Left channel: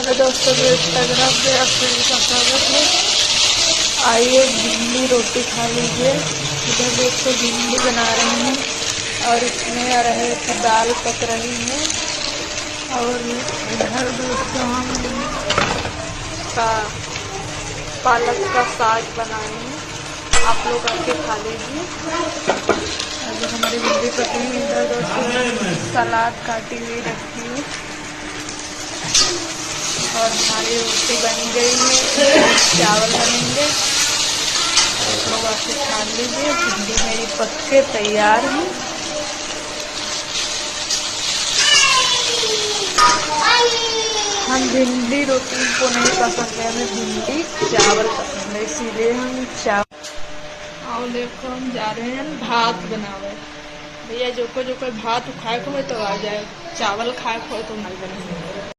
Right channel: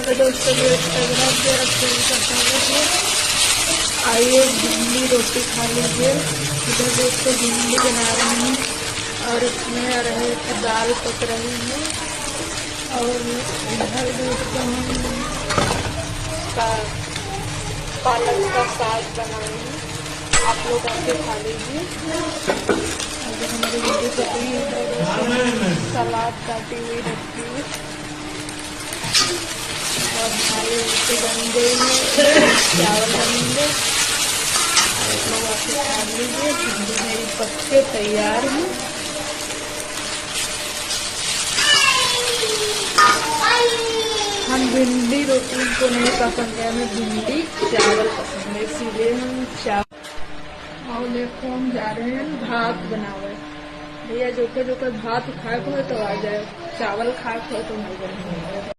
Hello दोस्तों, मेरे Instagram पे आप सभी का स्वागत है। आइए भिंडी रोटी खा लीजिए। इधर देखते भिंडी बना रहे हैं और इसमें अरहर की दाल पक रही है। और इधर दोस्तों हम पालक का साग बनाए हैं। आप लोग आके खा लीजिए। और जो हमारी भिंडी पकी है, इधर दोस्तों सलाद काटी हुई रखी है और हमारी रोटी बन गई है। चावल बनेंगे, लोग आके खा लीजिए। भिंडी मेरी पक के तैयार है। हम भिंडी रोटी को नहीं पसंद है, हमें भिंडी चावल पसंद है, इसीलिए हम चावल। और देखो हम जा रहे हैं भात बनावे। भैया जो कोई भात खाए को है तो आ जाए, चावल खाए को है तो नहीं बने।